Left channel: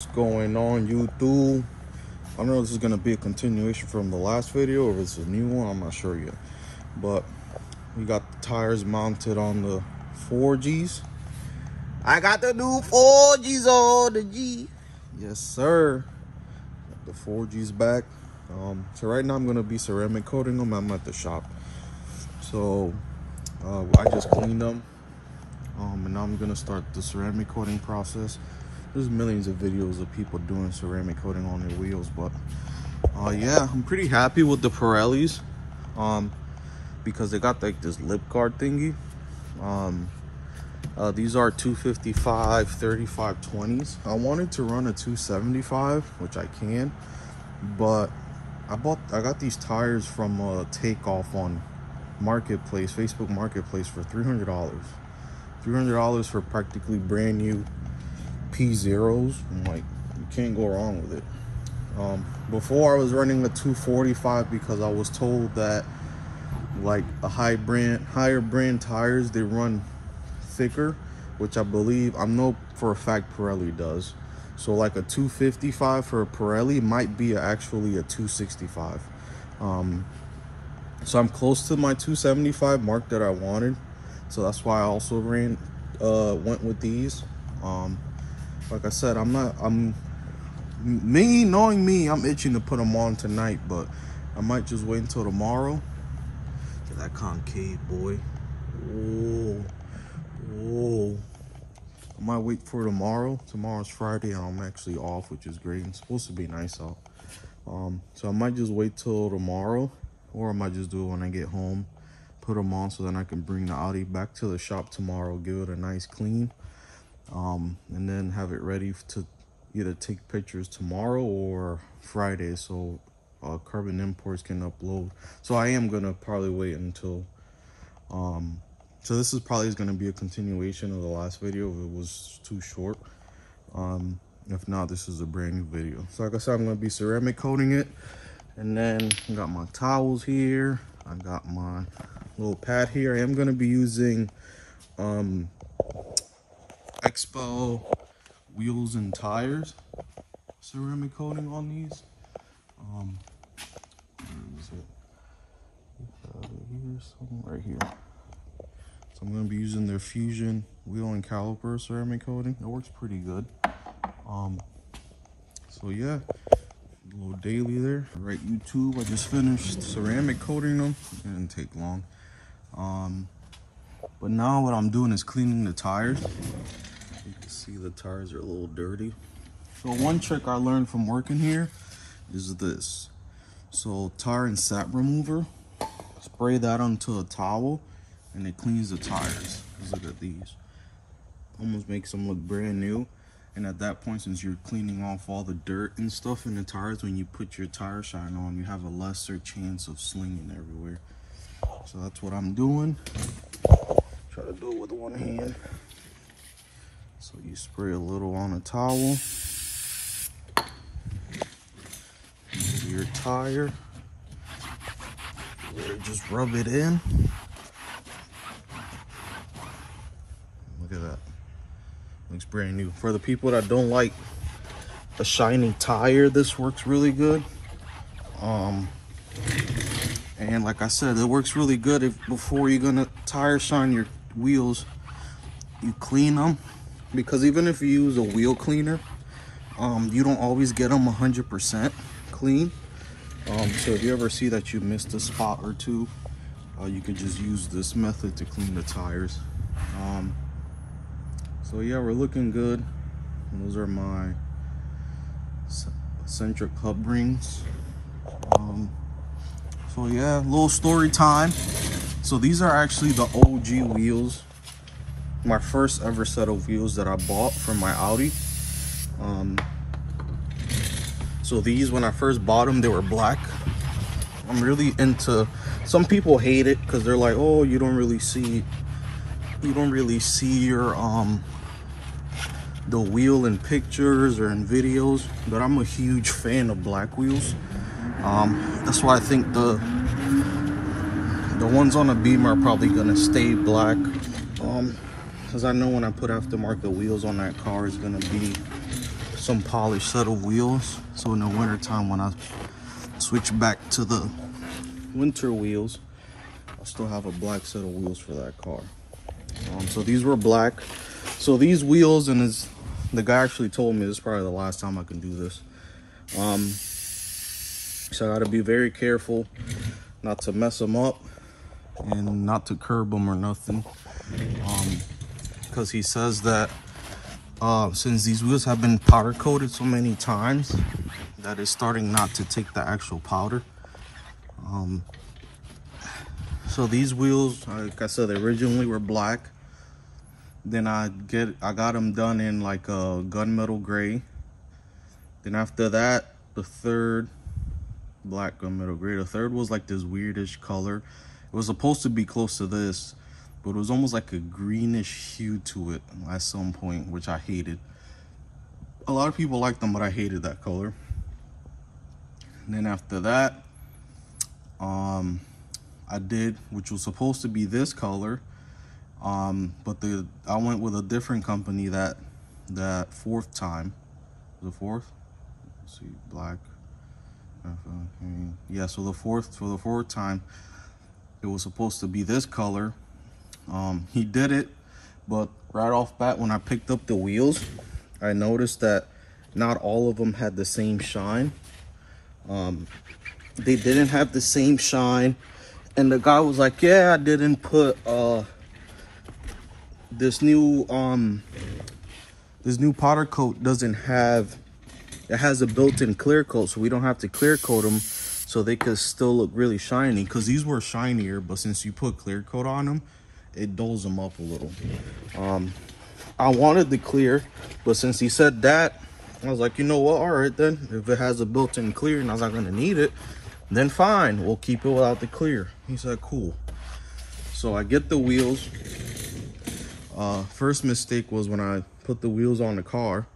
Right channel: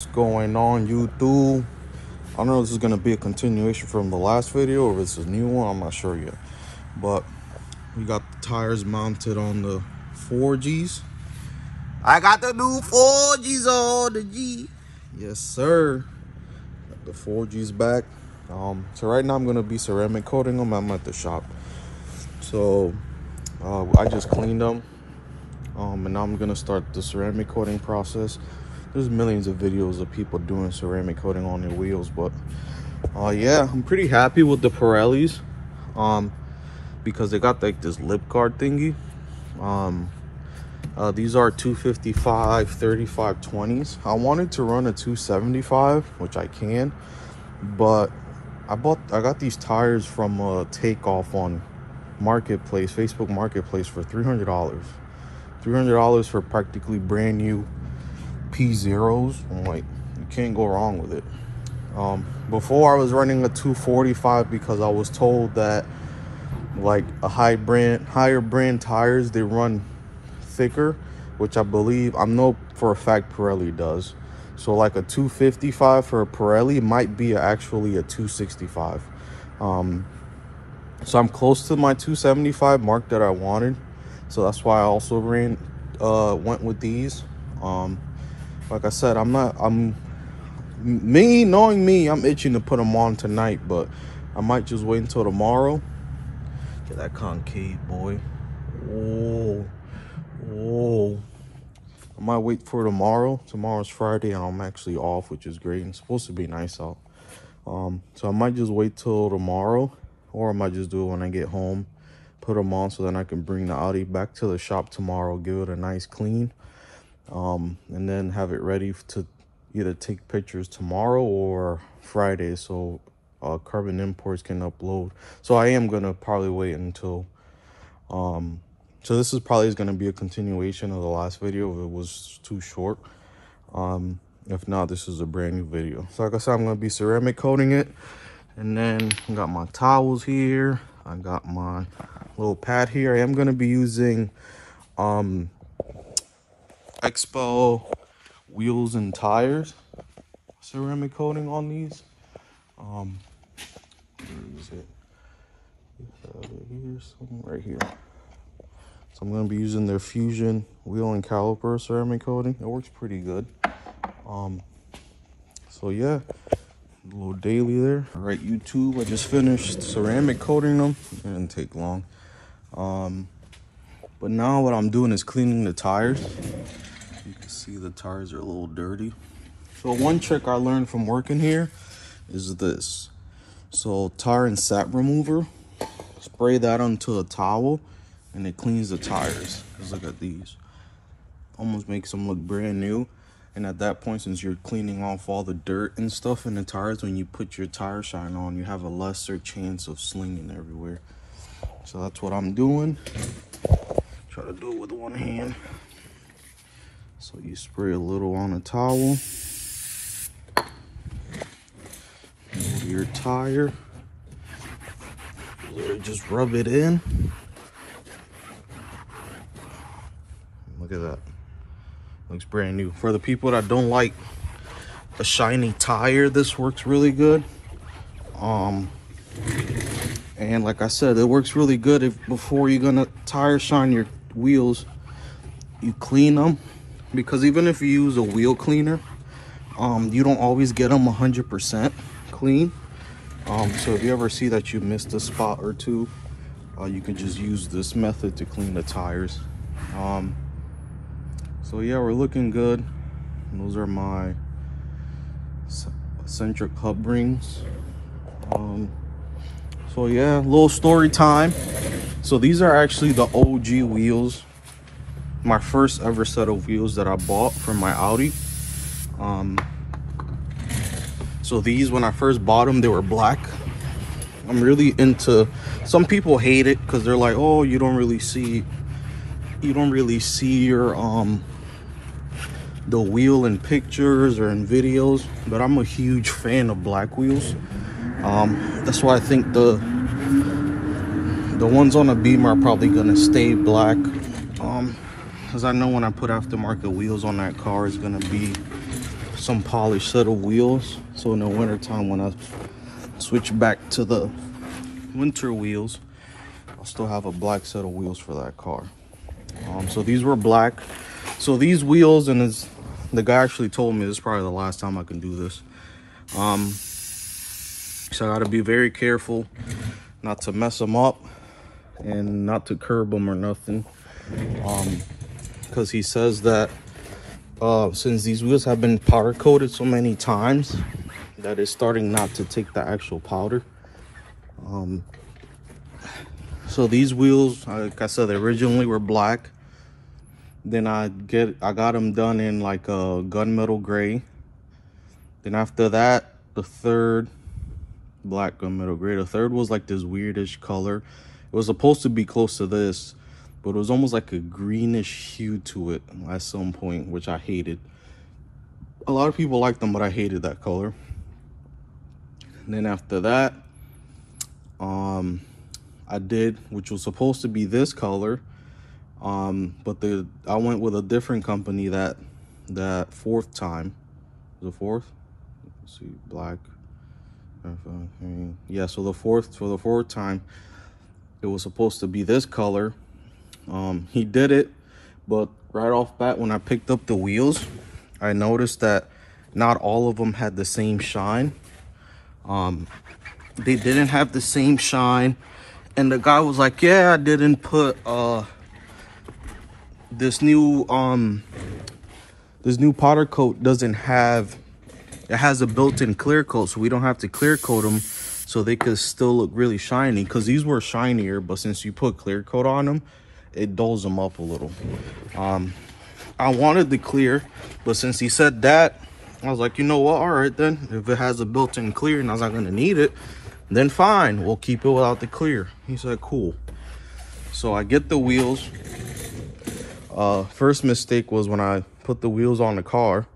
What's going on, YouTube? I don't know if this is gonna be a continuation from the last video or if it's a new one. I'm not sure yet, but we got the tires mounted on the 4Gs. I got the new 4Gs on the G. Yes, sir. Got the 4Gs back. So right now I'm gonna be ceramic coating them. I'm at the shop, so I just cleaned them, and now I'm gonna start the ceramic coating process. There's millions of videos of people doing ceramic coating on their wheels, but yeah, I'm pretty happy with the Pirellis, because they got like this lip guard thingy. These are 255 3520s. I wanted to run a 275, which I can, but I got these tires from Takeoff on Marketplace, Facebook Marketplace, for $300. $300 for practically brand new P0s. Like, you can't go wrong with it. Before I was running a 245 because I was told that like higher brand tires, they run thicker, which I know for a fact Pirelli does. So like a 255 for a Pirelli might be actually a 265. So I'm close to my 275 mark that I wanted, so that's why I also went with these. Like I said, knowing me, I'm itching to put them on tonight, but I might just wait until tomorrow. Get that concave, boy. Whoa. I might wait for tomorrow. Tomorrow's Friday and I'm actually off, which is great. It's supposed to be nice out. So I might just wait till tomorrow, or I might just do it when I get home, put them on, so then I can bring the Audi back to the shop tomorrow, give it a nice clean, and then have it ready to either take pictures tomorrow or Friday, so Carbon Imports can upload. So I am gonna probably wait until so this is probably gonna be a continuation of the last video if it was too short. If not, this is a brand new video. So like I said, I'm gonna be ceramic coating it, and then I got my towels here, I got my little pad here. I am gonna be using Expo wheels and tires ceramic coating on these. Where is it? Here's something right here. So I'm gonna be using their Fusion wheel and caliper ceramic coating. It works pretty good. So yeah, a little daily there. All right, YouTube, I just finished ceramic coating them. It didn't take long. But now what I'm doing is cleaning the tires. You can see the tires are a little dirty. So one trick I learned from working here is this. So tire and sap remover, spray that onto a towel and it cleans the tires. Just look at these. Almost makes them look brand new. And at that point, since you're cleaning off all the dirt and stuff in the tires, when you put your tire shine on, you have a lesser chance of slinging everywhere. So that's what I'm doing. Try to do it with one hand. So you spray a little on a towel, your tire, just rub it in. Look at that. Looks brand new. For the people that don't like the shiny tire, this works really good. And like I said, it works really good before you're gonna tire shine your wheels, you clean them, because even if you use a wheel cleaner, you don't always get them 100% clean. So if you ever see that you missed a spot or two, you could just use this method to clean the tires. So yeah, we're looking good. And those are my eccentric hub rings. So yeah, little story time. So these are actually the OG wheels, my first ever set of wheels that I bought from my Audi. So these, when I first bought them, they were black. I'm really into, some people hate it because they're like, oh, you don't really see your the wheel in pictures or in videos, but I'm a huge fan of black wheels. That's why I think the ones on the Beamer are probably gonna stay black, because I know when I put aftermarket wheels on that car, it's gonna be some polished set of wheels, so in the winter time when I switch back to the winter wheels, I'll still have a black set of wheels for that car. So these were black. So these wheels, and the guy actually told me this is probably the last time I can do this. So I gotta be very careful not to mess them up and not to curb them or nothing. Because he says that since these wheels have been powder coated so many times, that it's starting not to take the actual powder. So these wheels, like I said, they originally were black. Then I got them done in like a gunmetal gray. Then after that, the third, black gunmetal gray. The third was like this weirdish color. It was supposed to be close to this, but it was almost like a greenish hue to it at some point, which I hated. A lot of people liked them, but I hated that color. And then after that, I did, which was supposed to be this color, but I went with a different company that fourth time. The fourth? Let's see, black. Yeah, so for the fourth time, it was supposed to be this color. He did it, but right off bat when I picked up the wheels, I noticed that not all of them had the same shine. They didn't have the same shine, and the guy was like, yeah, I didn't put this new powder coat doesn't have, it has a built-in clear coat, so we don't have to clear coat them, so they could still look really shiny, because these were shinier, but since you put clear coat on them, it dulls them up a little. I wanted the clear, but since he said that, I was like, you know what, all right then, if it has a built-in clear and I was not gonna need it, then fine, we'll keep it without the clear. He said, cool. So I get the wheels. First mistake was when I put the wheels on the car,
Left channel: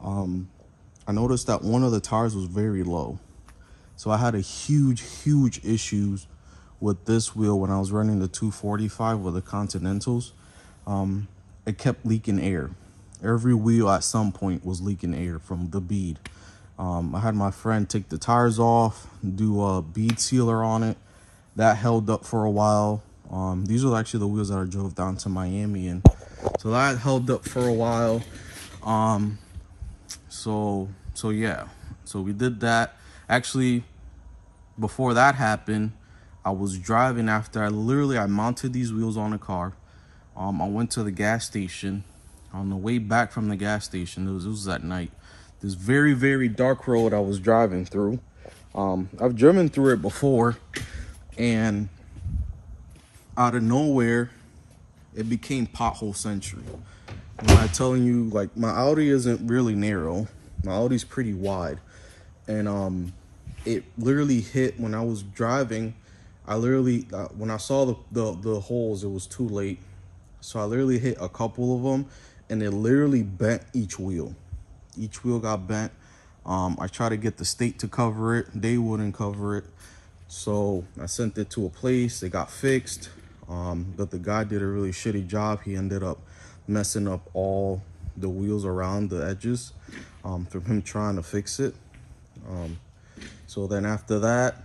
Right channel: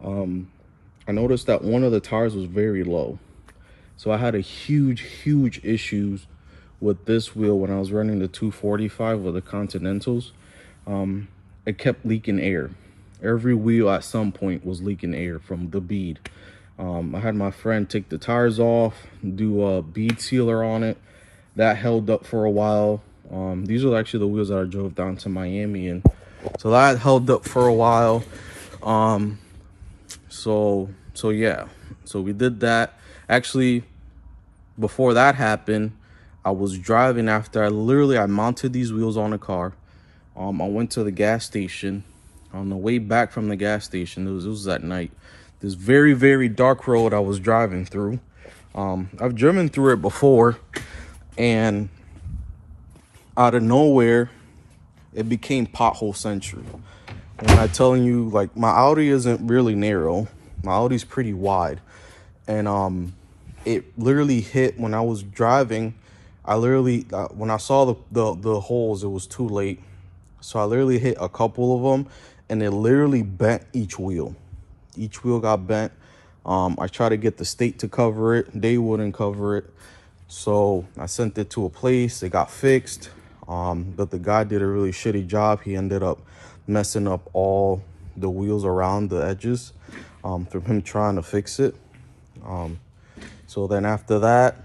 I noticed that one of the tires was very low. So I had a huge issues with this wheel when I was running the 245 with the Continentals. It kept leaking air. Every wheel at some point was leaking air from the bead. I had my friend take the tires off, do a bead sealer on it. That held up for a while. These are actually the wheels that I drove down to Miami in. So that held up for a while. So yeah, so we did that. Actually, before that happened, I was driving after I mounted these wheels on the car. I went to the gas station. On the way back from the gas station, it was at night. This very dark road I was driving through. I've driven through it before, and out of nowhere, it became pothole century. When I'm telling you, like, my Audi isn't really narrow. My Audi's pretty wide. And it literally hit when I was driving. I literally, when I saw the holes, it was too late. So I literally hit a couple of them, and it literally bent each wheel. Each wheel got bent. I tried to get the state to cover it. They wouldn't cover it. So I sent it to a place. It got fixed. But the guy did a really shitty job. He ended up messing up all the wheels around the edges from him trying to fix it. So then after that,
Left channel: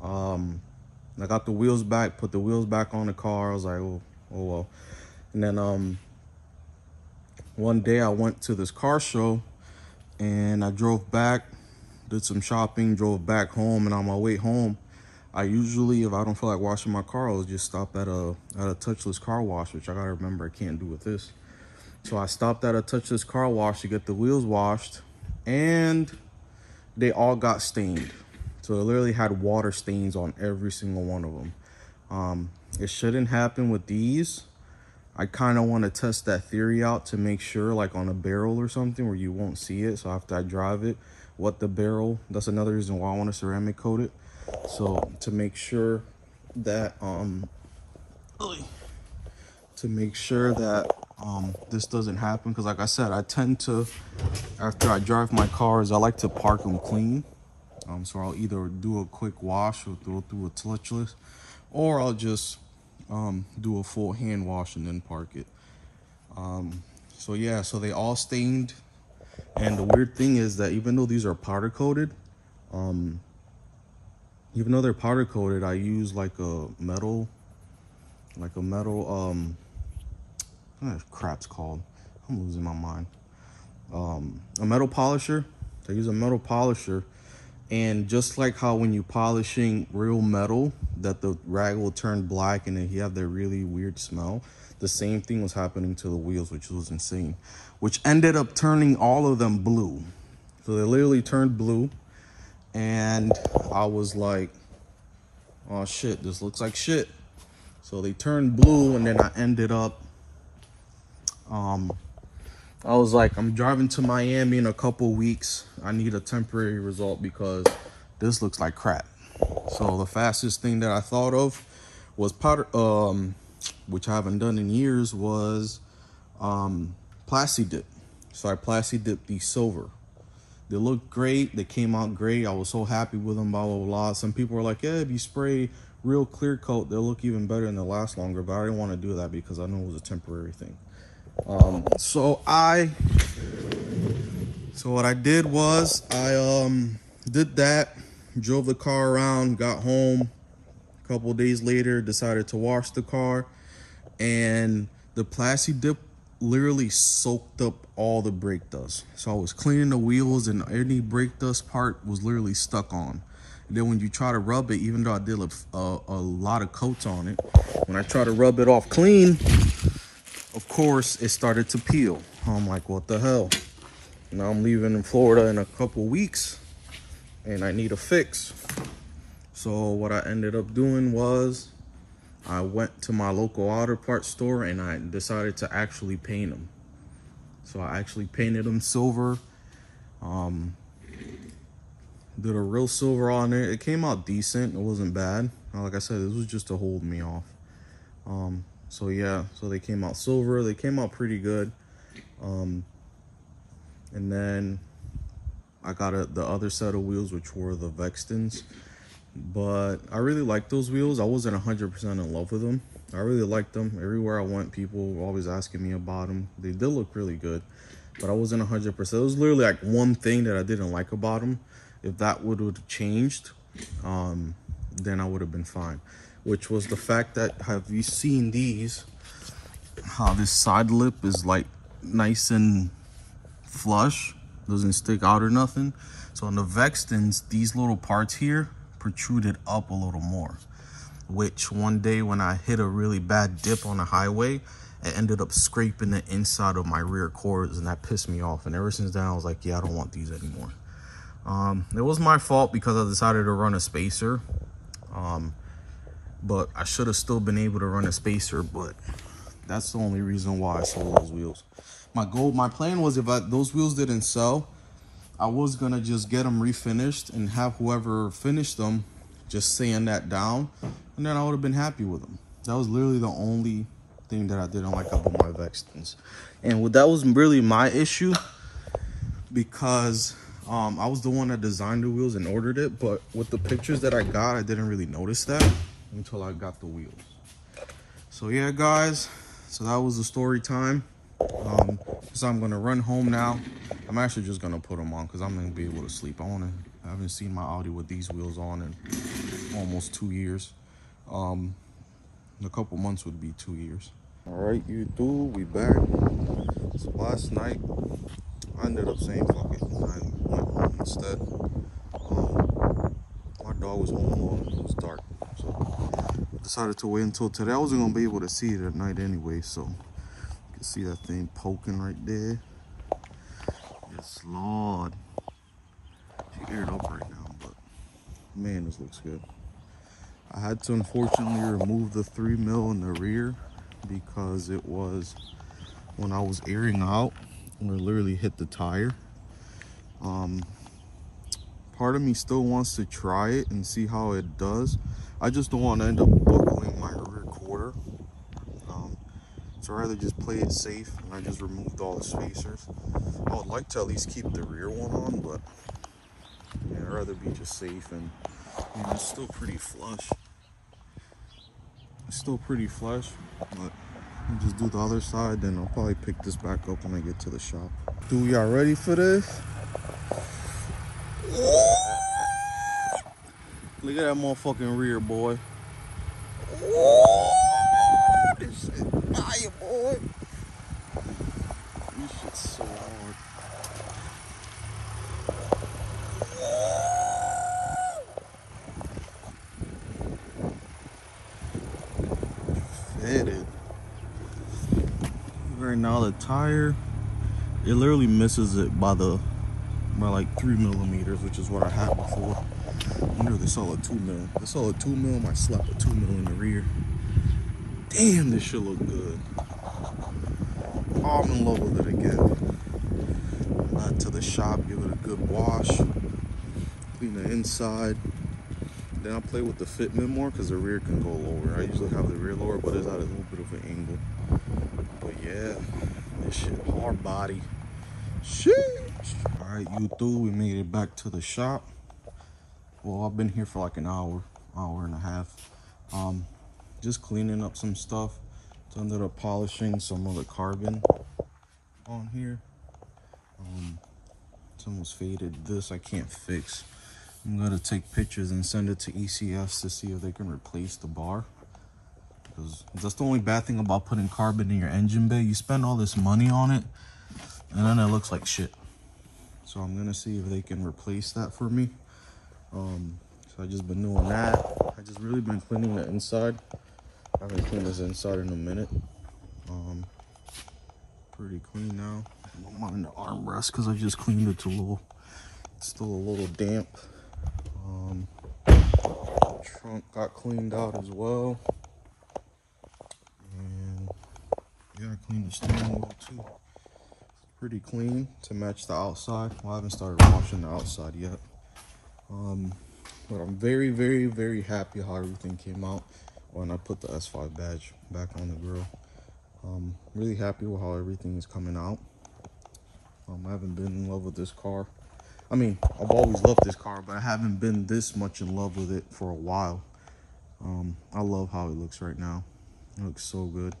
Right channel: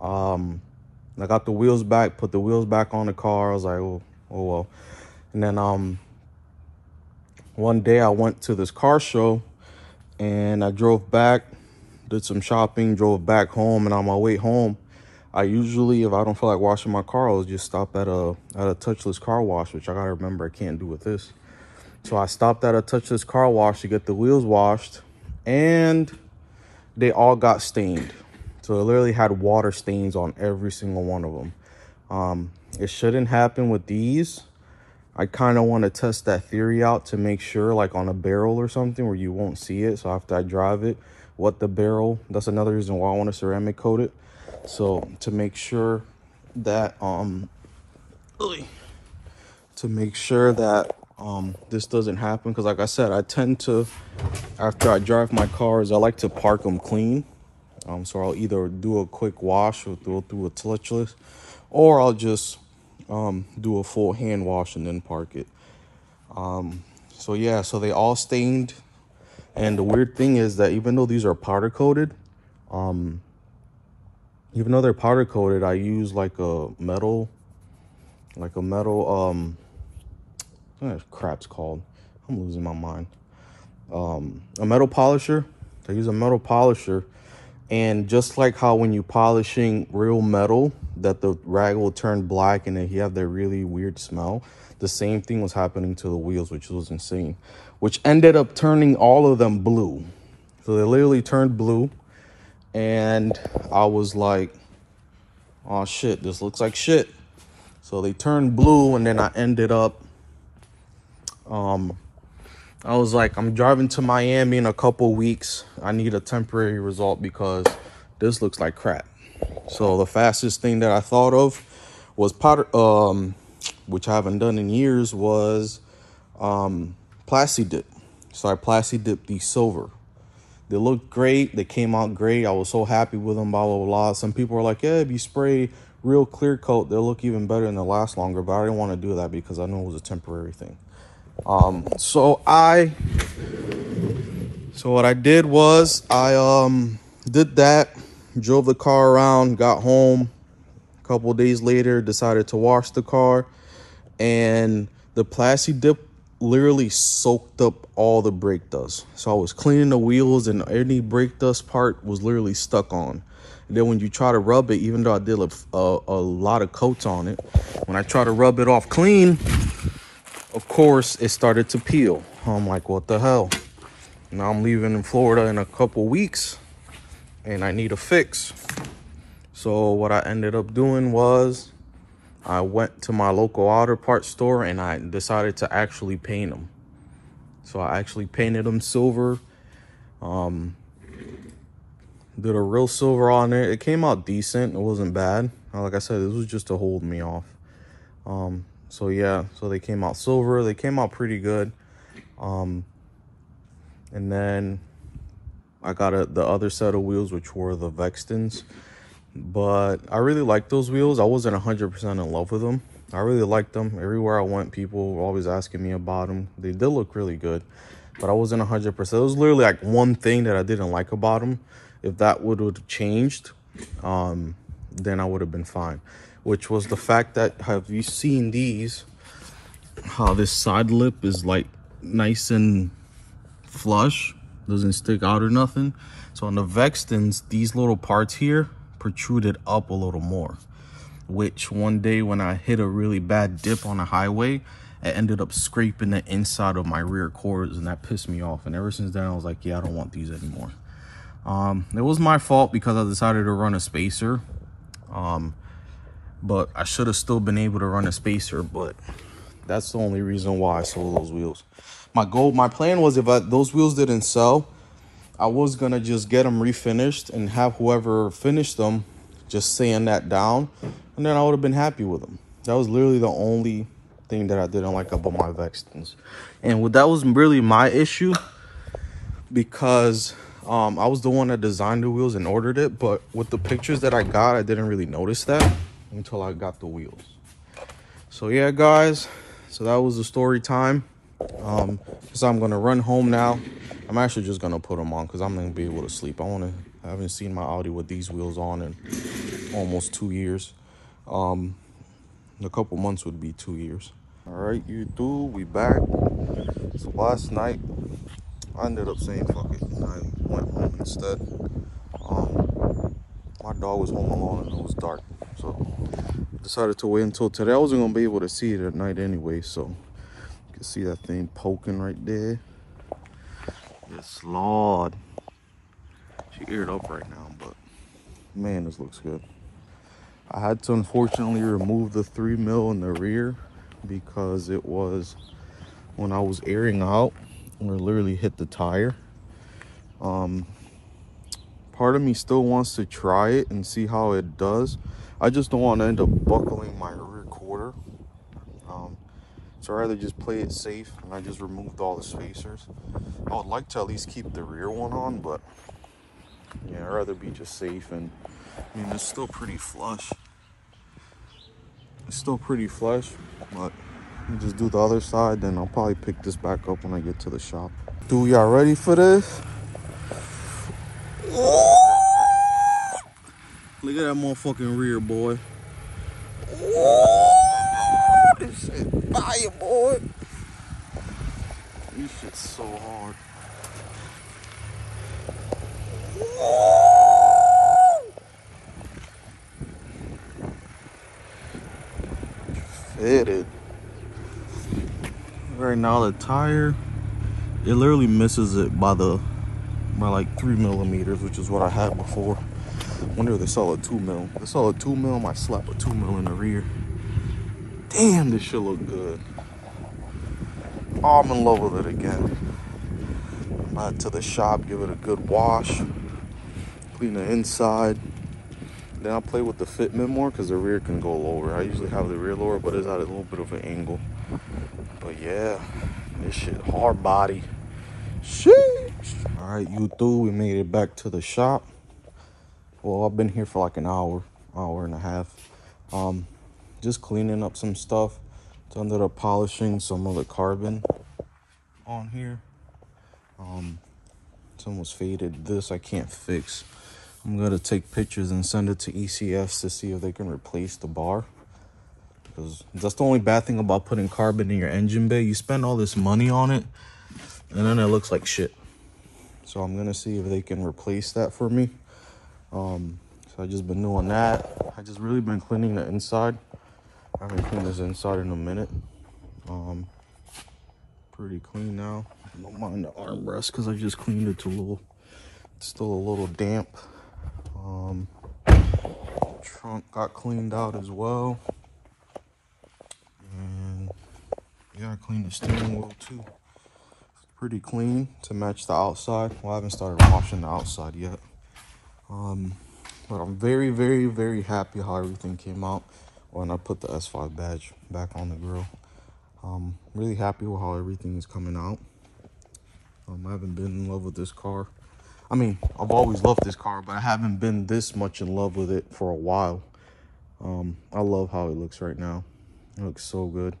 I got the wheels back, put the wheels back on the car. I was like, oh well. And then one day I went to this car show, and I drove back, did some shopping, drove back home, and on my way home, I usually, if I don't feel like washing my car, I'll just stop at a touchless car wash, which I gotta remember I can't do with this. So I stopped at a touchless car wash to get the wheels washed, and they all got stained. So it literally had water stains on every single one of them. It shouldn't happen with these. I kind of want to test that theory out to make sure, like on a barrel or something where you won't see it. So after I drive it, what the barrel, that's another reason why I want to ceramic coat it. So to make sure that, this doesn't happen. Cause like I said, I tend to, after I drive my cars, I like to park them clean. So I'll either do a quick wash or go through a touchless, or I'll just do a full hand wash and then park it. So yeah, so they all stained. And the weird thing is that even though these are powder coated, even though they're powder coated, I use like a metal, what crap's called? I'm losing my mind. A metal polisher. I use a metal polisher, and just like how when you polishing real metal, that the rag will turn black and then you have that really weird smell. The same thing was happening to the wheels, which was insane, which ended up turning all of them blue. So they literally turned blue, and I was like, oh shit, this looks like shit. So they turned blue, and then I ended up, I was like, I'm driving to Miami in a couple weeks. I need a temporary result because this looks like crap. So the fastest thing that I thought of was powder, which I haven't done in years, was Plasti Dip. So I Plasti Dipped these silver. They looked great. They came out great. I was so happy with them, blah, blah, blah. Some people were like, yeah, if you spray real clear coat, they'll look even better and they'll last longer. But I didn't want to do that because I knew it was a temporary thing. So what I did was I did that, drove the car around, got home. A couple of days later, decided to wash the car, and the Plasti Dip literally soaked up all the brake dust. So I was cleaning the wheels, and any brake dust part was literally stuck on. And then when you try to rub it, even though I did a lot of coats on it, when I try to rub it off clean, of course, it started to peel. I'm like, what the hell? Now I'm leaving in Florida in a couple weeks, and I need a fix. So what I ended up doing was I went to my local auto parts store, and I decided to actually paint them. So I actually painted them silver. Did a real silver on it. It came out decent. It wasn't bad. Like I said, this was just to hold me off. So yeah, so they came out silver. They came out pretty good. And then I got the other set of wheels, which were the Vextons. But I really like those wheels. I wasn't 100% in love with them. I really liked them. Everywhere I went, people were always asking me about them. They did look really good, but I wasn't 100%. It was literally like one thing that I didn't like about them. If that would have changed, then I would have been fine. Which was the fact that, have you seen these? How this side lip is like nice and flush, doesn't stick out or nothing. So on the Vextons, these little parts here protruded up a little more, which one day when I hit a really bad dip on the highway, it ended up scraping the inside of my rear quarters, and that pissed me off. And ever since then, I was like, yeah, I don't want these anymore. It was my fault because I decided to run a spacer, but I should have still been able to run a spacer. But that's the only reason why I sold those wheels. My plan was, if those wheels didn't sell, I was gonna just get them refinished and have whoever finished them just sand that down, and then I would have been happy with them. That was literally the only thing that I didn't like about my Vextons. And that was really my issue, because I was the one that designed the wheels and ordered it, but with the pictures that I got, I didn't really notice that until I got the wheels. So yeah, guys, so that was the story time. So I'm gonna run home now. I'm actually just gonna put them on because I'm gonna be able to sleep. I haven't seen my Audi with these wheels on in almost 2 years. In a couple months would be 2 years. All right, YouTube, we back. So last night, I ended up saying fuck it. I went home instead. My dog was home alone and it was dark, so I decided to wait until today. I wasn't gonna be able to see it at night anyway, so you can see that thing poking right there. Yes, Lord. She eared up right now, but man, this looks good. I had to unfortunately remove the 3 mil in the rear because it was when I was airing out, it literally hit the tire. Part of me still wants to try it and see how it does. I just don't want to end up buckling my rear quarter. So I'd rather just play it safe, and I just removed all the spacers. I would like to at least keep the rear one on, but yeah, I'd rather be just safe. And I mean, it's still pretty flush. It's still pretty flush, but just do the other side, then I'll probably pick this back up when I get to the shop. Dude, y'all ready for this? Look at that motherfucking rear, boy. This shit fire, boy. This shit's so hard. Fitted. Right now the tire, it literally misses it by like 3 millimeters, which is what I had before. I wonder if they sell a 2 mil. If they sell a 2 mil, I might slap a 2 mil in the rear. Damn, this shit look good. Oh, I'm in love with it again. Back to the shop, give it a good wash, clean the inside. Then I'll play with the fitment more because the rear can go lower. I usually have the rear lower, but it's at a little bit of an angle. But yeah, this shit hard body. Sheesh. All right, YouTube, we made it back to the shop. Well, I've been here for like an hour and a half. Just cleaning up some stuff. So I ended up polishing some of the carbon on here. It's almost faded. This I can't fix. I'm gonna take pictures and send it to ECS to see if they can replace the bar. Because that's the only bad thing about putting carbon in your engine bay. You spend all this money on it, and then it looks like shit. So I'm gonna see if they can replace that for me. So I just been doing that. I just really been cleaning the inside. I haven't cleaned this inside in a minute. Pretty clean now. Don't mind the armrest because I just cleaned it to a little, it's still a little damp. Trunk got cleaned out as well. And yeah, I cleaned the steering wheel too. It's pretty clean to match the outside. Well, I haven't started washing the outside yet. But I'm very, very, very happy how everything came out when I put the S5 badge back on the grill. Really happy with how everything is coming out. I haven't been in love with this car. I mean, I've always loved this car, but I haven't been this much in love with it for a while. I love how it looks right now. It looks so good.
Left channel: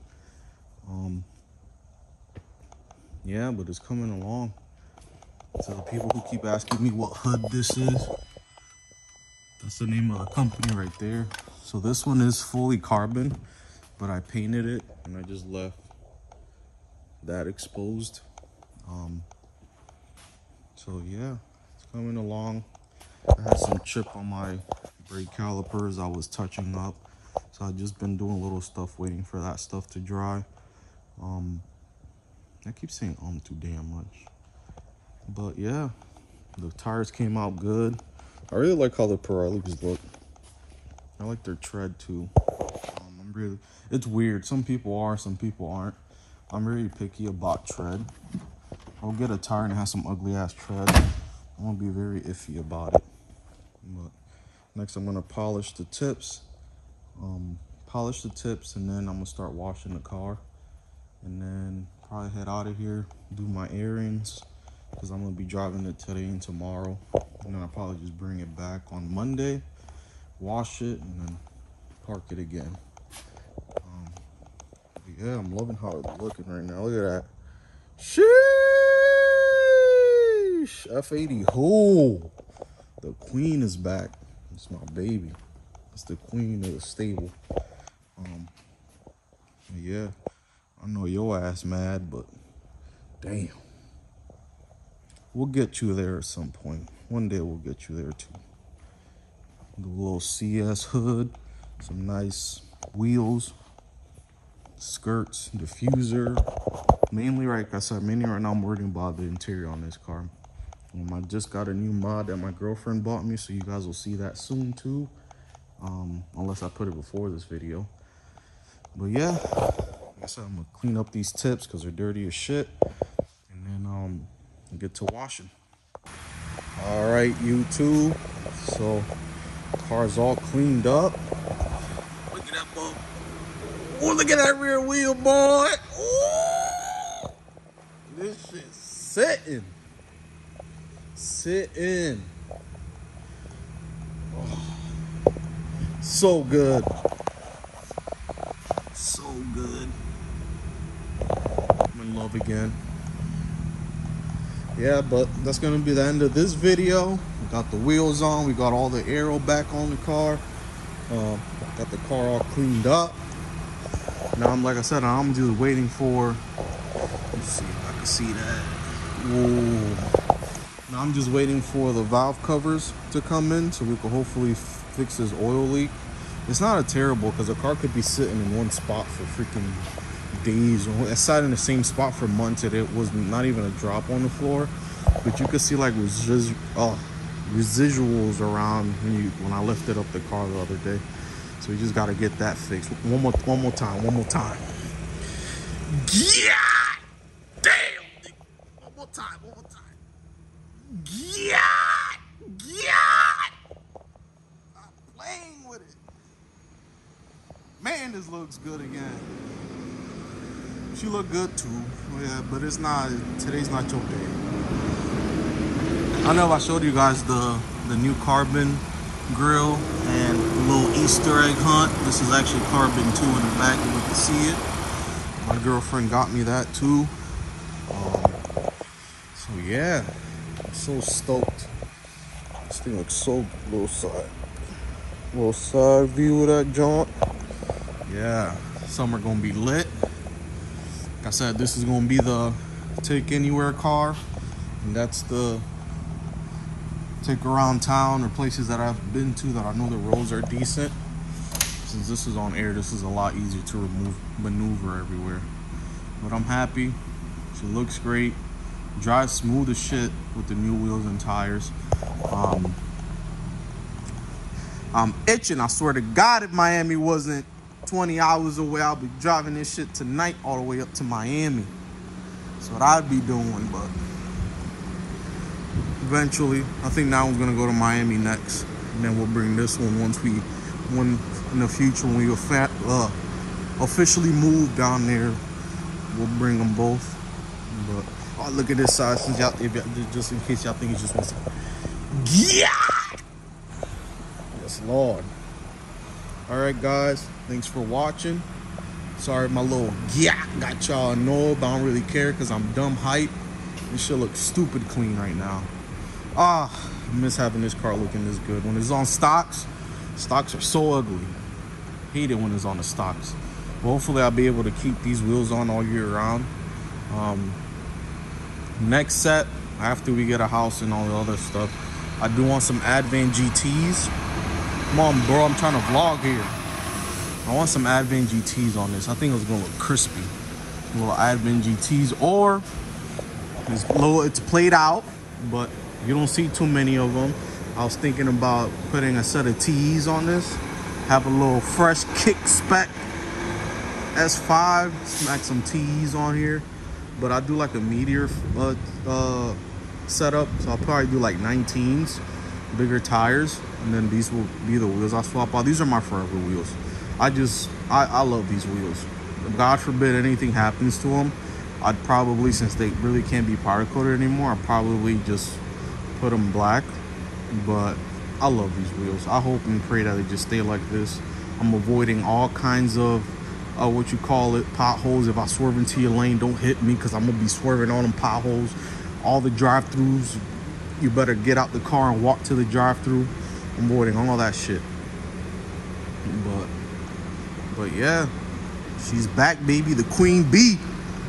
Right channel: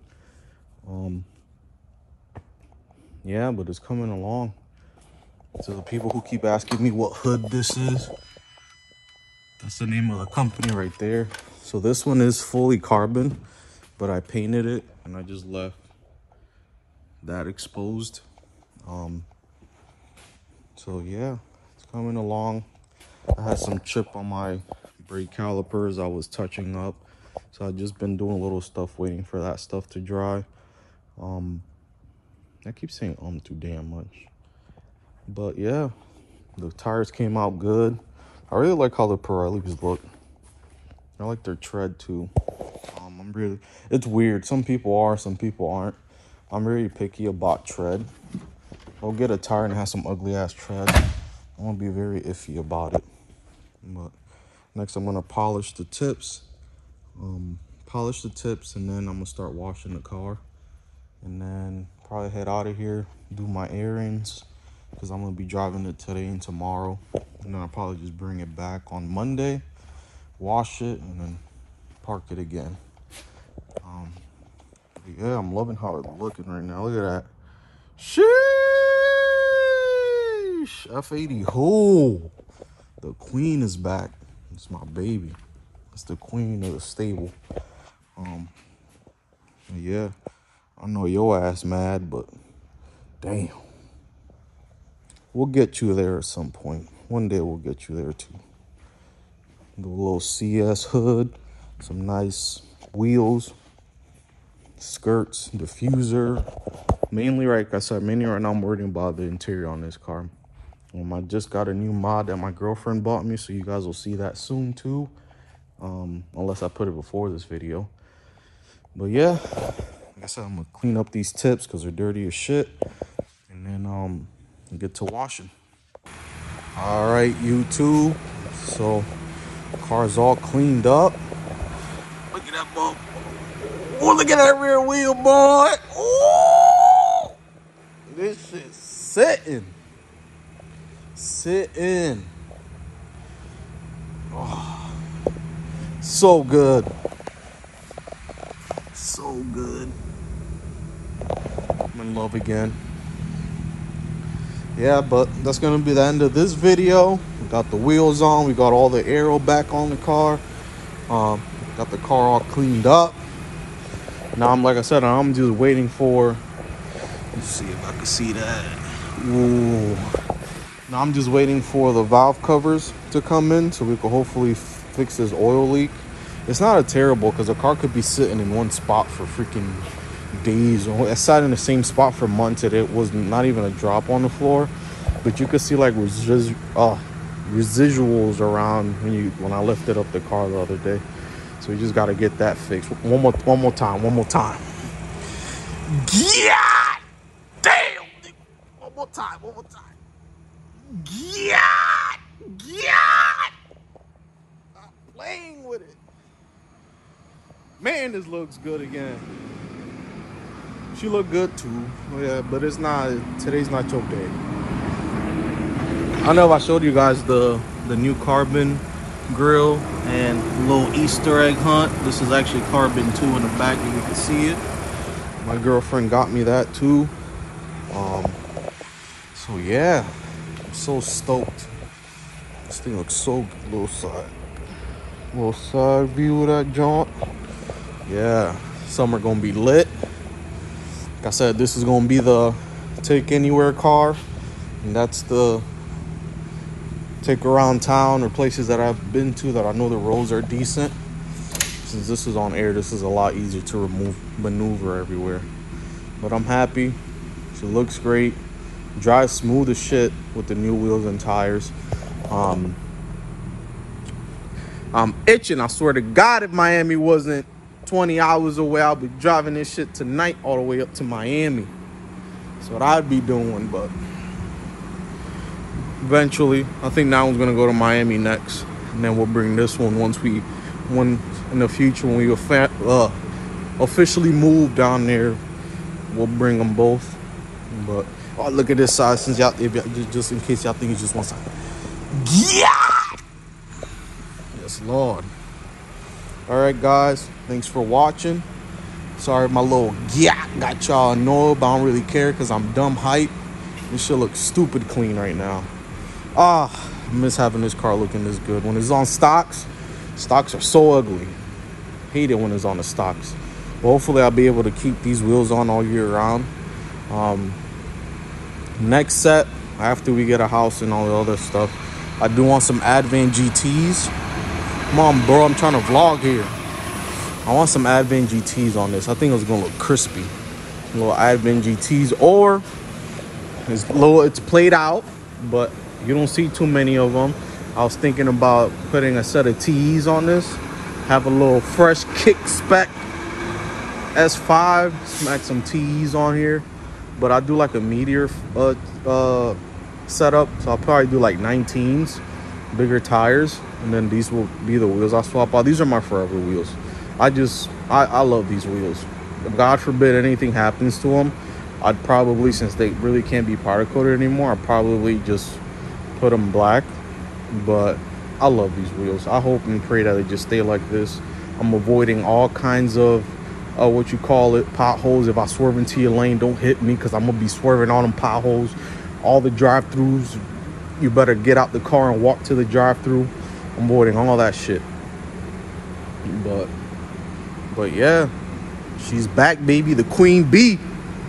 Yeah, but it's coming along. So the people who keep asking me what hood this is, that's the name of the company right there. So this one is fully carbon, but I painted it and I just left that exposed. So yeah, it's coming along. I had some chip on my brake calipers I was touching up, so I've just been doing little stuff waiting for that stuff to dry. I keep saying too damn much, but yeah, the tires came out good. I really like how the Pirellis look. I like their tread too. It's weird. Some people are, some people aren't. I'm really picky about tread. I'll get a tire and have some ugly ass tread. I'm gonna be very iffy about it. But next I'm gonna polish the tips. And then I'm gonna start washing the car. And then probably head out of here, do my errands, because I'm gonna be driving it today and tomorrow. And then I'll probably just bring it back on Monday, wash it, and then park it again. Yeah, I'm loving how it's looking right now. Look at that. Sheesh! F80 who? The queen is back. It's my baby. It's the queen of the stable. Yeah, I know your ass mad, but damn. We'll get you there at some point. One day we'll get you there too. The little CS hood, some nice wheels, skirts, diffuser. Mainly, like I said, mainly right now I'm worrying about the interior on this car. I just got a new mod that my girlfriend bought me, so you guys will see that soon too. Unless I put it before this video. But yeah, like I said, I'm gonna clean up these tips because they're dirty as shit. And then get to washing. All right, YouTube. So the car's all cleaned up. Look at that bump. Oh, look at that rear wheel, boy. Ooh, this shit's sitting. Sitting. Oh, so good. So good. I'm in love again. yeah, but that's gonna be the end of this video. We got the wheels on, we got all the aero back on the car, got the car all cleaned up. Now I'm, like I said, I'm just waiting for, let's see if I can see that. Ooh. Now I'm just waiting for the valve covers to come in so we can hopefully fix this oil leak. It's not a terrible, because the car could be sitting in one spot for freaking days. It sat in the same spot for months and it was not even a drop on the floor. But you could see like residuals around when I lifted up the car the other day. So we just got to get that fixed. One more time. Yeah! Damn! One more time. Yeah! Stop playing with it. Man, this looks good again. She look good too. Yeah, but it's not, today's not your day. I know if I showed you guys the new carbon grill and little Easter egg hunt. This is actually carbon 2 in the back, and you can see it. My girlfriend got me that too. So yeah, I'm so stoked. This thing looks so good. Little side view of that jaunt. Yeah, summer gonna be lit. Like I said, this is gonna be the take anywhere car, and that's the take around town or places that I've been to that I know the roads are decent. Since this is on air, this is a lot easier to maneuver everywhere. But I'm happy. It looks great. Drives smooth as shit with the new wheels and tires. I'm itching. I swear to God, if Miami wasn't 20 hours away, I'll be driving this shit tonight all the way up to Miami. That's what I'd be doing, but eventually, I think that one's gonna go to Miami next, and then we'll bring this one when in the future when we officially move down there, we'll bring them both. But oh, look at this side, since y'all, just in case y'all think it's just one side. Yeah, it's long. All right, guys, thanks for watching. Sorry, my little got y'all annoyed, but I don't really care because I'm dumb hype. This shit looks stupid clean right now. I miss having this car looking this good. When it's on stocks are so ugly. Hate it when it's on the stocks. But hopefully I'll be able to keep these wheels on all year round. Next set, after we get a house and all the other stuff, I do want some Advan GTs. Come on, bro, I'm trying to vlog here. I want some Advan GTs on this. I think it's gonna look crispy. Little Advan GTs, or it's played out, but you don't see too many of them. I was thinking about putting a set of TEs on this, have a little fresh kick spec S5, smack some TEs on here. But I do like a Meteor setup, so I'll probably do like 19s, bigger tires, and then these will be the wheels I swap out. These are my forever wheels. I love these wheels. If God forbid anything happens to them, I'd probably, since they really can't be powder coated anymore, I'd probably just put them black. But I love these wheels. I hope and pray that they just stay like this. I'm avoiding all kinds of what you call it, potholes. If I swerve into your lane, don't hit me, because I'm gonna be swerving on them potholes. All the drive-throughs, you better get out the car and walk to the drive-through. I'm avoiding all that shit. But yeah, she's back, baby. The Queen Bee.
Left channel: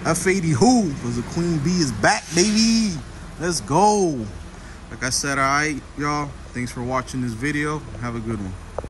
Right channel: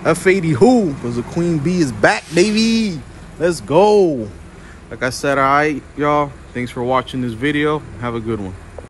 F80 who? Because the Queen Bee is back, baby. Let's go. Like I said, all right, y'all. Thanks for watching this video. Have a good one.